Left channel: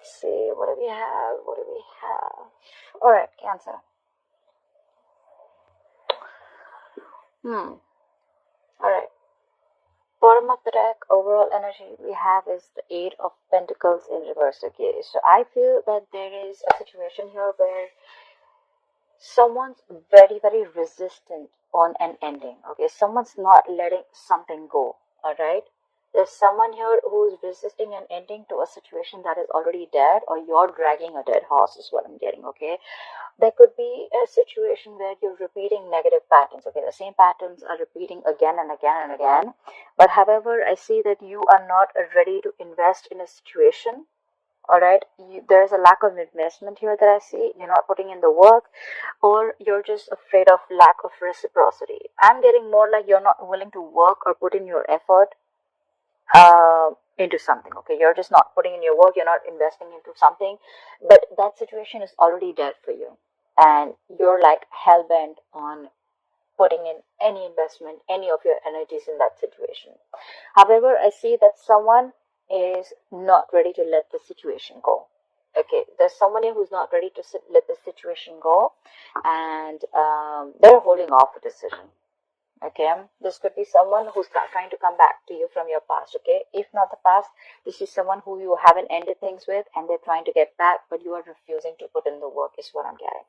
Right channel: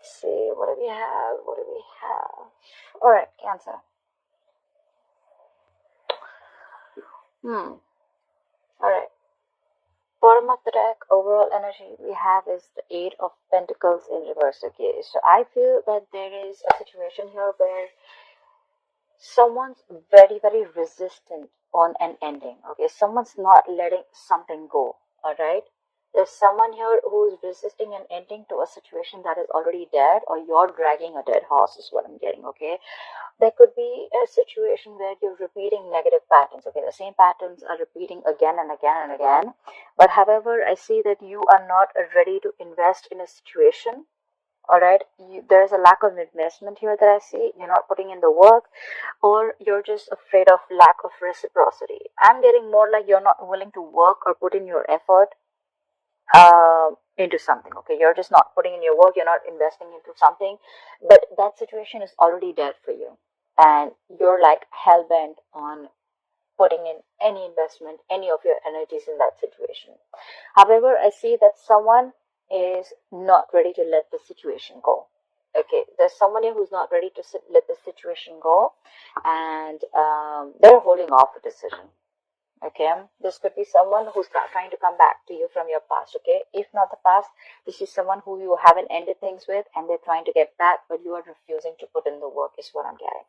Let's see, what do we have? What do we have? Alright, Cancer. Alright. Bottom of the deck, overall energy we have is the Eight of Pentacles in reverse. Okay, so I feel that there is a situation here where someone's very resistant on an ending. Okay, someone's not letting something go. Alright, there's someone here who's resisting an ending to a situation that is already dead, or you're dragging a dead horse is what I'm getting. Okay, there could be a situation where you're repeating negative patterns. Okay, the same patterns are repeating again and again and again, but however I see that you are not ready to invest in a situation. All right, there's a lack of investment here that I see. You're not putting in the work, or you're just afraid of lack of reciprocity. I'm getting more like you're not willing to work or put in your effort into something. Okay, you're just not putting in your work, you're not investing into something, but that situation is already dead for you, and you're like hell-bent on putting in any investment, any of your energies in that situation. However, I see that someone is not ready to let the situation go. Okay, there's someone here who's not ready to let the situation go, and they're holding off a decision. Okay, this could be someone who's trying to come back to you from your past. Okay, if not the past, this is someone who you haven't ended things with and they're trying to get back, but you are refusing to put in the work is what I'm getting.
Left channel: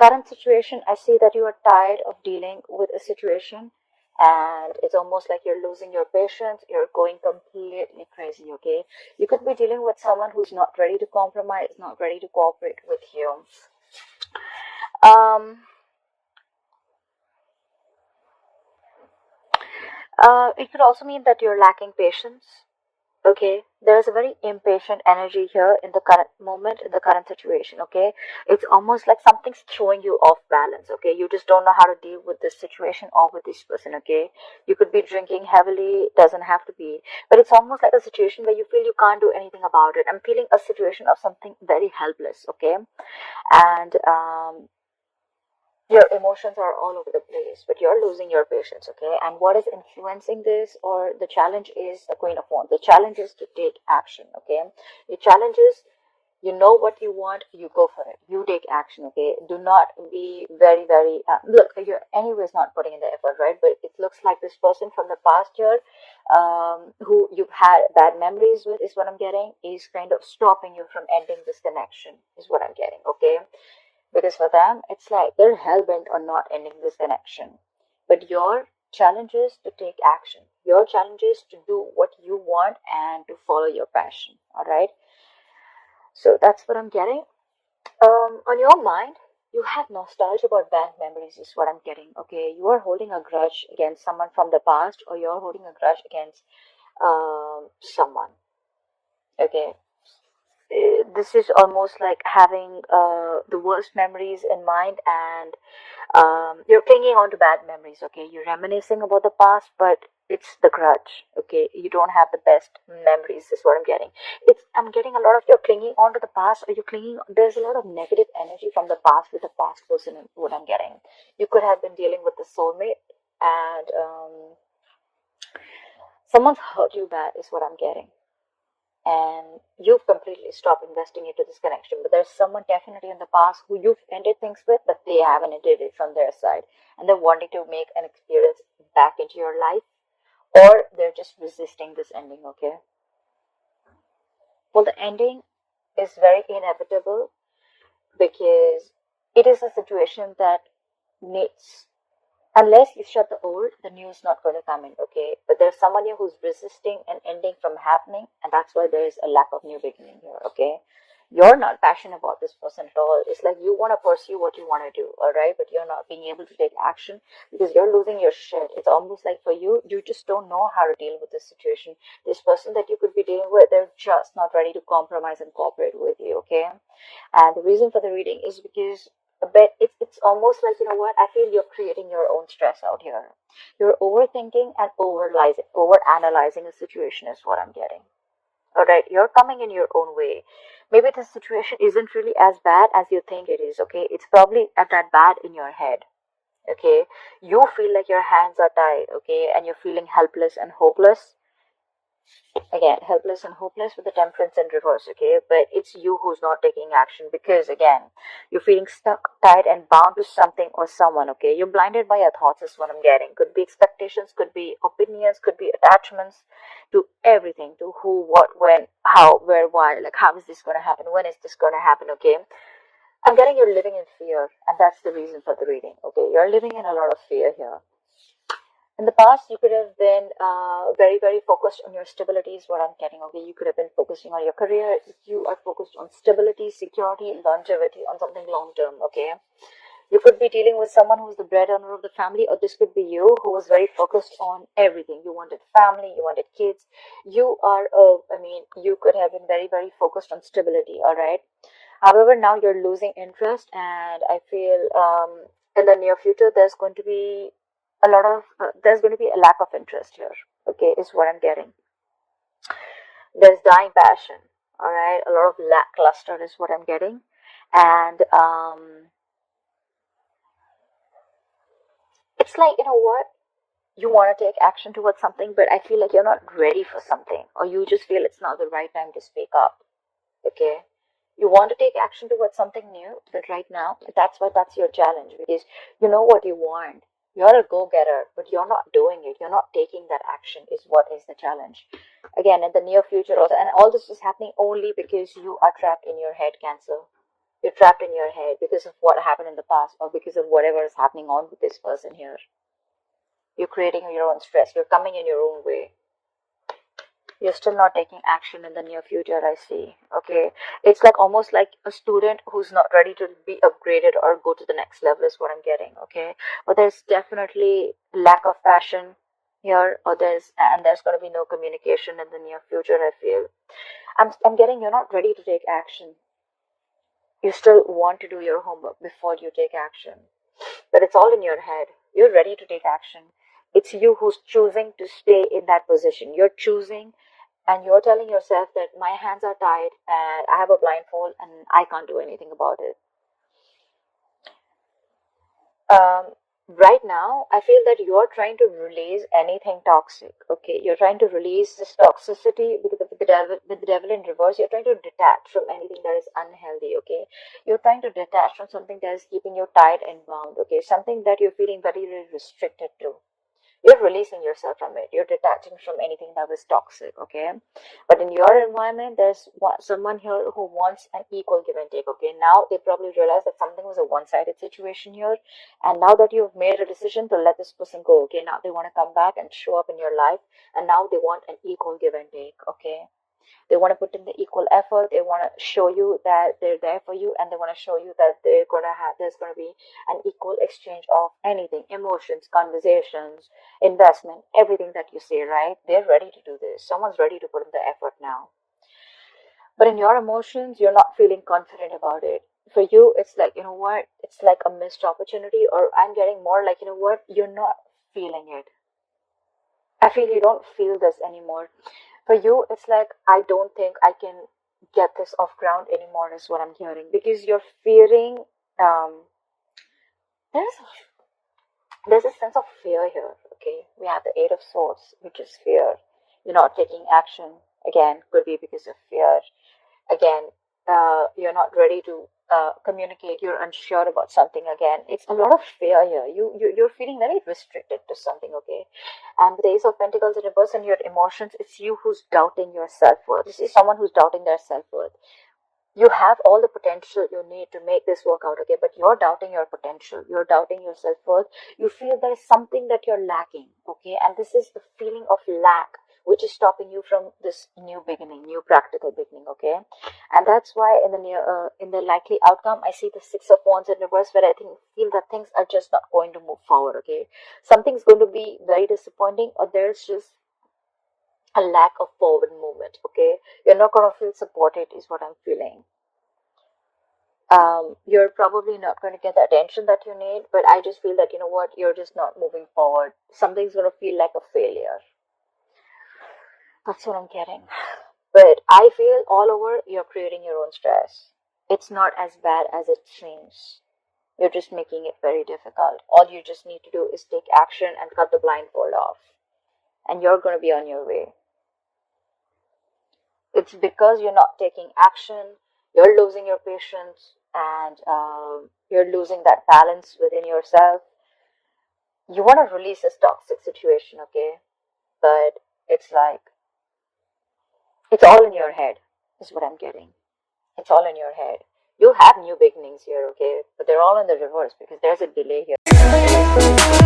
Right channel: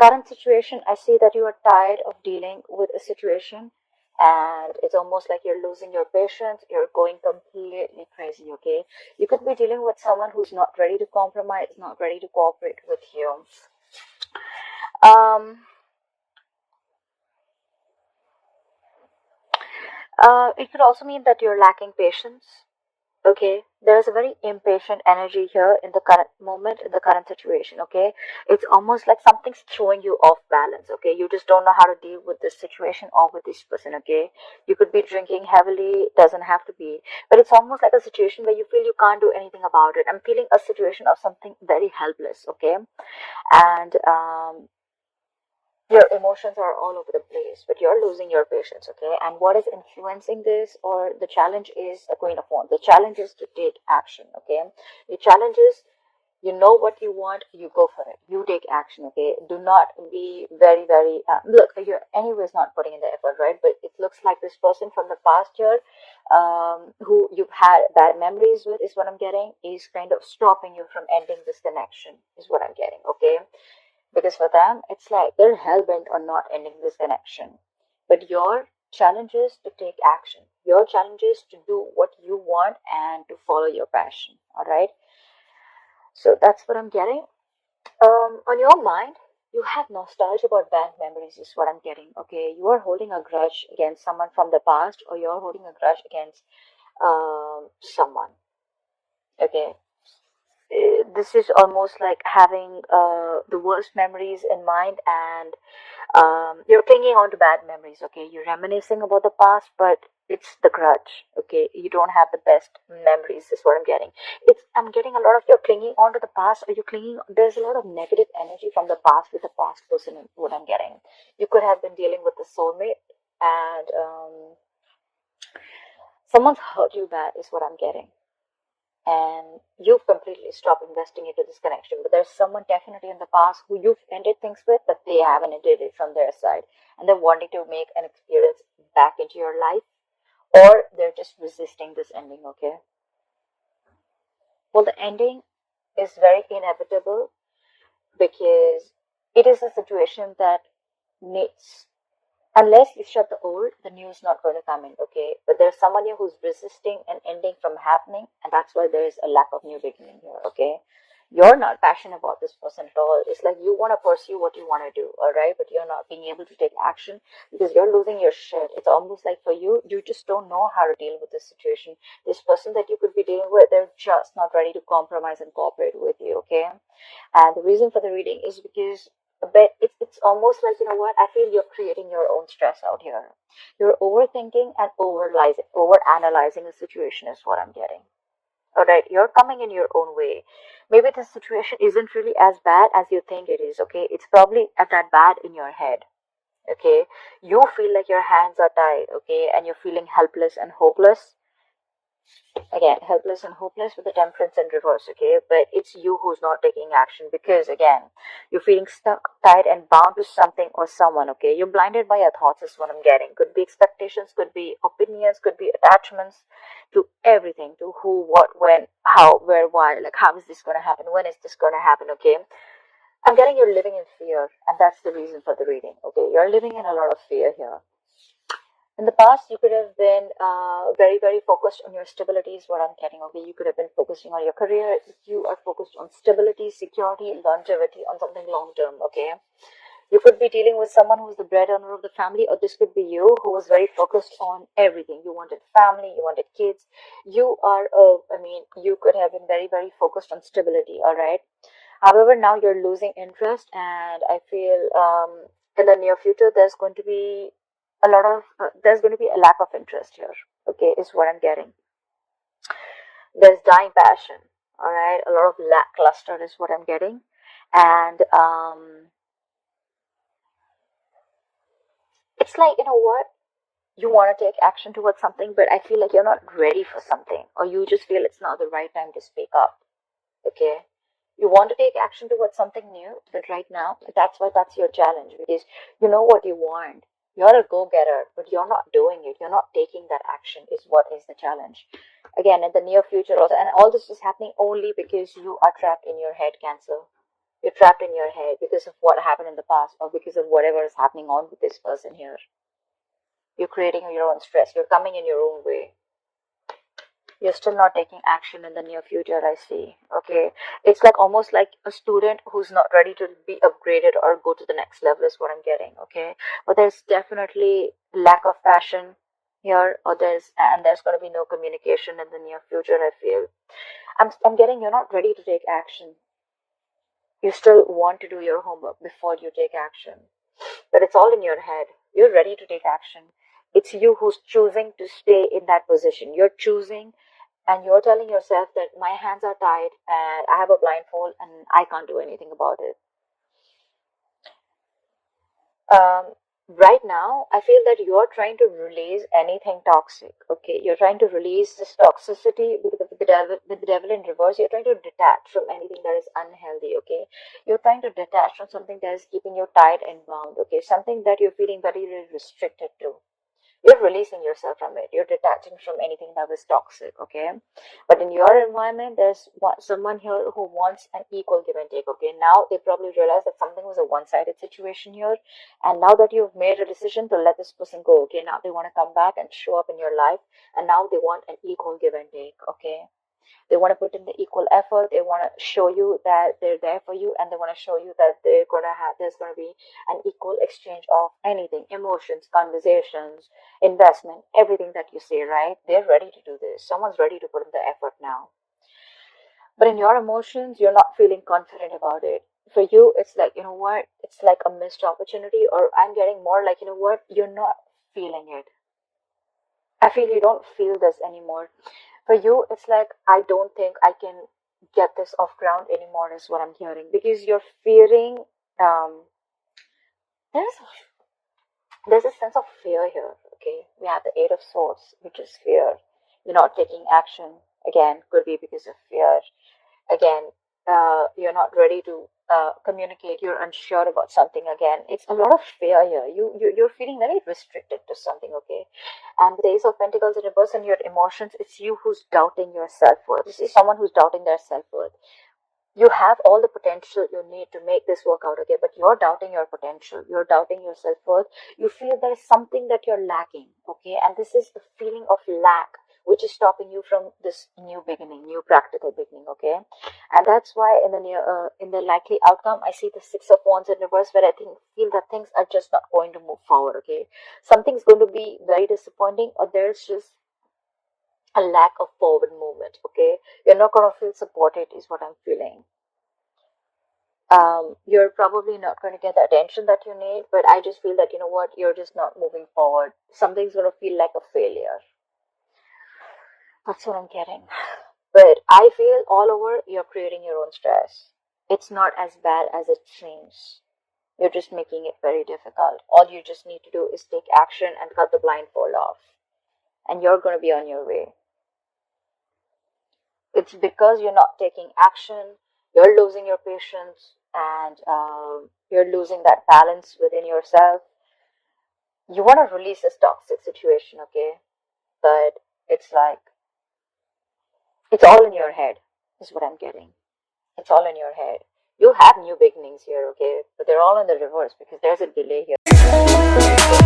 Current situation, I see that you are tired of dealing with a situation, and it's almost like you're losing your patience, you're going completely crazy. Okay, you could be dealing with someone who's not ready to compromise, not ready to cooperate with you. It could also mean that you're lacking patience. Okay, there's a very impatient energy here in the current moment, in the current situation. Okay, it's almost like something's throwing you off balance. Okay, you just don't know how to deal with this situation or with this person. Okay, you could be drinking heavily, doesn't have to be, but it's almost like a situation where you feel you can't do anything about it. I'm feeling a situation of something very helpless. Okay, and your emotions are all over the place, but you're losing your patience. Okay, and what is influencing this, or the challenge is the Queen of Wands. The challenge is to take action. Okay, the challenge is, you know what you want, you go for it, you take action. Okay, do not be very look, you're anyways not putting in the effort, right? But it looks like this person from the past year, who you've had bad memories with, is what I'm getting, is kind of stopping you from ending this connection is what I'm getting. Okay, because for them, it's like they're hell-bent on not ending this connection. But your challenge is to take action. Your challenge is to do what you want and to follow your passion. All right. So that's what I'm getting. On your mind, you have nostalgia about bad memories, is what I'm getting. Okay, you are holding a grudge against someone from the past, or you're holding a grudge against someone. Okay, this is almost like having the worst memories in mind, and you're clinging on to bad memories. Okay, you're reminiscing about the past, but it's the grudge. Okay, you don't have the best memories is what I'm getting. I'm getting a lot of you're clinging on to the past, or you're clinging, there's a lot of negative energy from the past with the past person is what I'm getting. You could have been dealing with a soulmate, and someone's hurt you bad is what I'm getting, and you've completely stopped investing into this connection. But there's someone definitely in the past who you've ended things with, but they haven't ended it from their side, and they're wanting to make an experience back into your life, or they're just resisting this ending. Okay, well, the ending is very inevitable, because it is a situation that needs, unless you shut the old, the new is not going to come in. Okay, but there's someone here who's resisting an ending from happening, and that's why there is a lack of new beginning here. Okay, you're not passionate about this person at all. It's like you want to pursue what you want to do, all right, but you're not being able to take action because you're losing your shit. It's almost like for you, you just don't know how to deal with this situation. This person that you could be dealing with, they're just not ready to compromise and cooperate with you. Okay, and the reason for the reading is because a bit it's almost like, you know what, I feel you're creating your own stress out here. You're overthinking and over analyzing a situation is what I'm getting. All right, you're coming in your own way. Maybe the situation isn't really as bad as you think it is. Okay, it's probably at that bad in your head. Okay, you feel like your hands are tied. Okay, and you're feeling helpless and hopeless. Again, helpless and hopeless with the temperance in reverse, okay? But it's you who's not taking action because, again, you're feeling stuck, tied, and bound to something or someone, okay? You're blinded by your thoughts, is what I'm getting. Could be expectations, could be opinions, could be attachments to everything, to who, what, when, how, where, why. Like, how is this going to happen? When is this going to happen, okay? I'm getting you're living in fear, and that's the reason for the reading, okay? You're living in a lot of fear here. In the past, you could have been very, very focused on your stability, is what I'm getting. Okay, you could have been focusing on your career. You are focused on stability, security, and longevity, on something long term. Okay, you could be dealing with someone who's the breadwinner of the family, or this could be you who was very focused on everything. You wanted family, you wanted kids. You are, I mean, you could have been very, very focused on stability. All right. However, now you're losing interest, and I feel in the near future there's going to be a lack of interest here. Okay, is what I'm getting. There's dying passion. All right, a lot of lackluster is what I'm getting, and it's like, you know what, you want to take action towards something, but I feel like you're not ready for something, or you just feel it's not the right time to speak up. Okay, you want to take action towards something new, but right now that's your challenge, because you know what you want. You're a go-getter, but you're not doing it. You're not taking that action, is what is the challenge. Again, in the near future also, and all this is happening only because you are trapped in your head, Cancer. You're trapped in your head because of what happened in the past, or because of whatever is happening on with this person here. You're creating your own stress. You're coming in your own way. You're still not taking action in the near future, I see. Okay. It's like almost like a student who's not ready to be upgraded or go to the next level, is what I'm getting. Okay. But there's definitely lack of passion here, or there's going to be no communication in the near future, I feel. I'm getting you're not ready to take action. You still want to do your homework before you take action. But it's all in your head. You're ready to take action. It's you who's choosing to stay in that position. You're choosing, and you're telling yourself that my hands are tied and I have a blindfold and I can't do anything about it. Um, right now, I feel that you're trying to release anything toxic. Okay, you're trying to release this toxicity with the devil in reverse. You're trying to detach from anything that is unhealthy. Okay, you're trying to detach from something that is keeping you tied and bound. Okay, something that you're feeling very, very restricted to. You're releasing yourself from it. You're detaching from anything that was toxic, okay? But in your environment, there's someone here who wants an equal give and take, okay? Now they probably realize that something was a one-sided situation here, and now that you've made a decision to let this person go, okay? Now they want to come back and show up in your life, and now they want an equal give and take, okay? They want to put in the equal effort. They want to show you that they're there for you, and they want to show you that there's gonna be an equal exchange of anything, emotions, conversations, investment, everything that you say, right? They're ready to do this. Someone's ready to put in the effort now. But in your emotions, you're not feeling confident about it. For you, it's like, you know what? It's like a missed opportunity, or I'm getting more like, you know what? You're not feeling it. I feel you don't feel this anymore. For you, it's like, I don't think I can get this off ground anymore, is what I'm hearing. Because you're fearing, um, there's a, there's a sense of fear here, okay? We have the Eight of Swords, which is fear. You're not taking action. Again, could be because of fear. Again, you're not ready to communicate. You're unsure about something. Again, it's a lot of fear here. You're feeling very restricted to something, okay? And the Ace of Pentacles in reverse, and your emotions, it's you who's doubting your self-worth. This is someone who's doubting their self-worth. You have all the potential you need to make this work out, okay? But you're doubting your potential. You're doubting your self-worth. You feel there's something that you're lacking, okay? And this is the feeling of lack, which is stopping you from this new beginning, new practical beginning, okay? And that's why in the likely outcome, I see the Six of Wands in reverse, where I feel that things are just not going to move forward, okay? Something's going to be very disappointing, or there's just a lack of forward movement, okay? You're not going to feel supported, is what I'm feeling. You're probably not going to get the attention that you need, but I just feel that, you know what, you're just not moving forward. Something's going to feel like a failure. That's what I'm getting. But I feel all over you're creating your own stress. It's not as bad as it seems. You're just making it very difficult. All you just need to do is take action and cut the blindfold off. And you're going to be on your way. It's because you're not taking action, you're losing your patience, and you're losing that balance within yourself. You want to release this toxic situation, okay? But it's like, it's all in your head, is what I'm getting. It's all in your head. You'll have new beginnings here, okay? But they're all in the reverse because there's a delay here.